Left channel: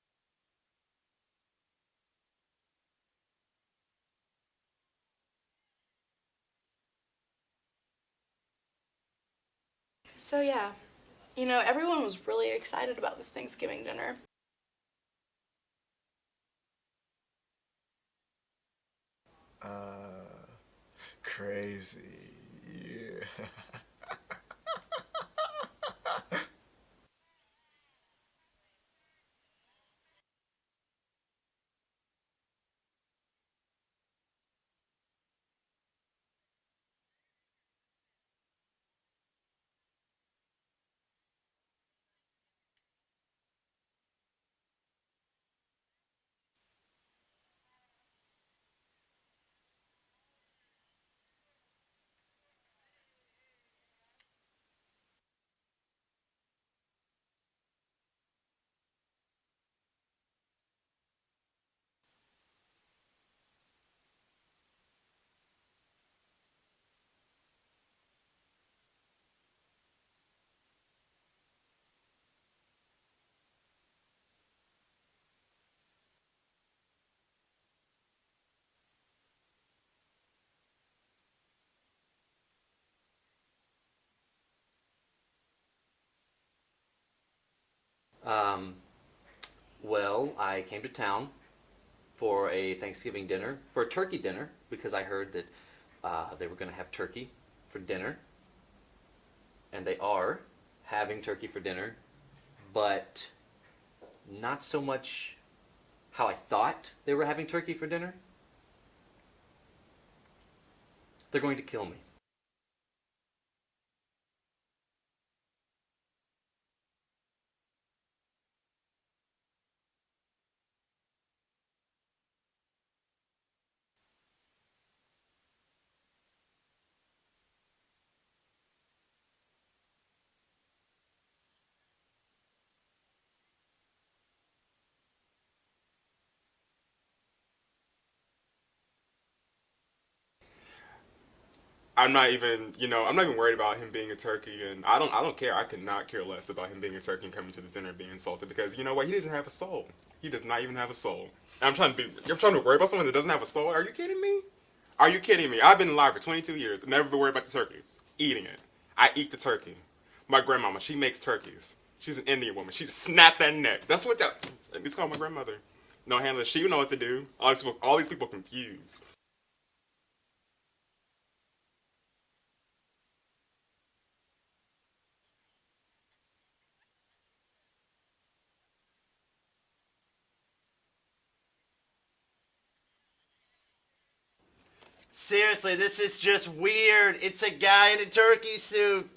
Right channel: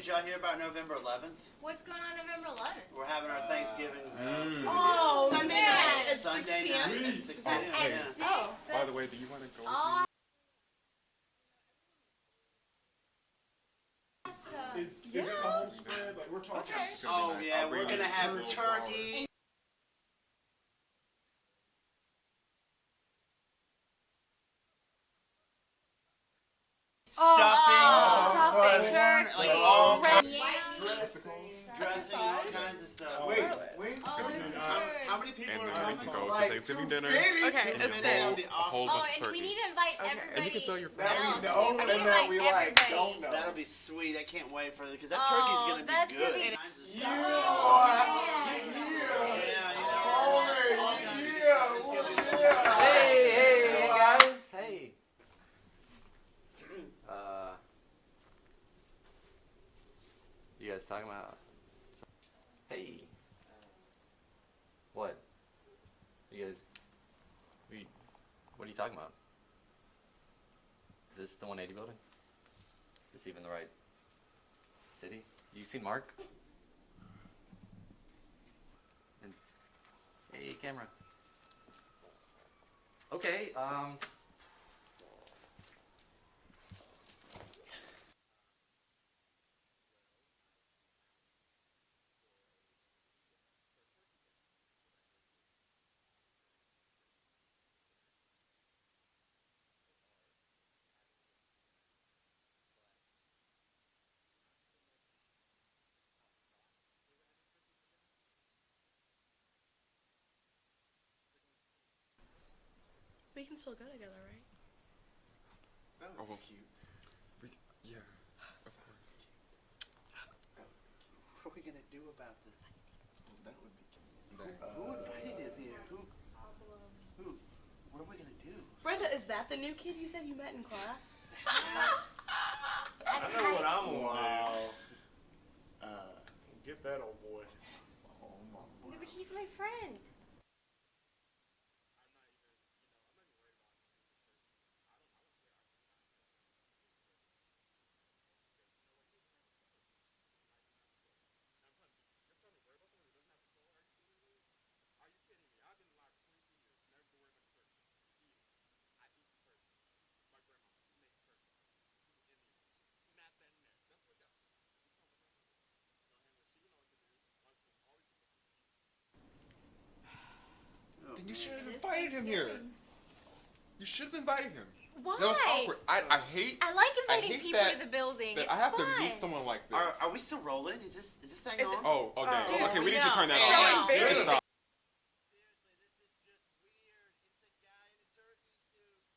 did y'all hear about November 11th? What's going on November 11th? We're having our Thanksgiving. Sunday night at 6 Sunday p.m. night at 6 p.m. At Yeah. 6? By the way, do you want to go with me? So yeah, you know, everyone was really excited about this Thanksgiving dinner. Is it the whole spread? Like, we're talking. Oh yeah, we're gonna have turkey. Crazy. Yeah. Stuffing, Stop it, corn, Turk. like all Yeah. dressing and all kinds of stuff. Wait. How many people And are then we coming? can go to Like Thanksgiving dinner. Okay, It's it's gonna be six. A whole awesome. Oh, bunch of and we turkey. need to invite Okay. everybody. And you can tell your That friends. we know We and need to that we invite like everybody. don't know. That'll be sweet. I can't wait for it because that Oh, turkey's gonna be that's good. gonna be Kinds of stuff. Yeah. Hey guys. Hey. You guys talking about? Hey. What? You guys? What are you talking about? Is this the 180 building? Is this even the right city? You seen Mark? And, hey, camera. Okay, well, I came to town for a Thanksgiving dinner, for a turkey dinner, because I heard that they were going to have turkey for dinner. And they are having turkey for dinner, but not so much how I thought they were having turkey for dinner. They're going to kill me. We can still go together, right? That would be cute. Yeah, of course. What are we gonna do about this? That would be cute. Who invited him here? Who? What are we gonna do? Brenda, is that the new kid you said you met in class? I know what I'm gonna Wow. do. Get that old boy. Oh my. No, but he's my friend. I'm not even worried about him being a turkey, and I don't care. I could not care less about him being a turkey and coming to the dinner and being insulted because you know what? He doesn't have a soul. He does not even have a soul. And I'm trying to worry about someone that doesn't have a soul. Are you kidding me? Are you kidding me? I've been alive for 22 years, never been worried about the turkey. Eating it. I eat the turkey. My grandmama, she makes turkeys. She's an Indian woman. She just snapped that neck. That's what it's called my grandmother. No handler. She would know what to do. All these people confused. Oh, Then you man. should have invited him here. You should have invited him. Why? That was awkward. I hate. I like inviting hate people that- to the building. that It's I have fun. to meet someone like this. Are we still rolling? Is this thing Is it- on? Oh, dang. Dude, Okay, we we need to know. turn that So off. We need to embarrassing. stop. Seriously, this is just weird. It's a guy in a turkey suit.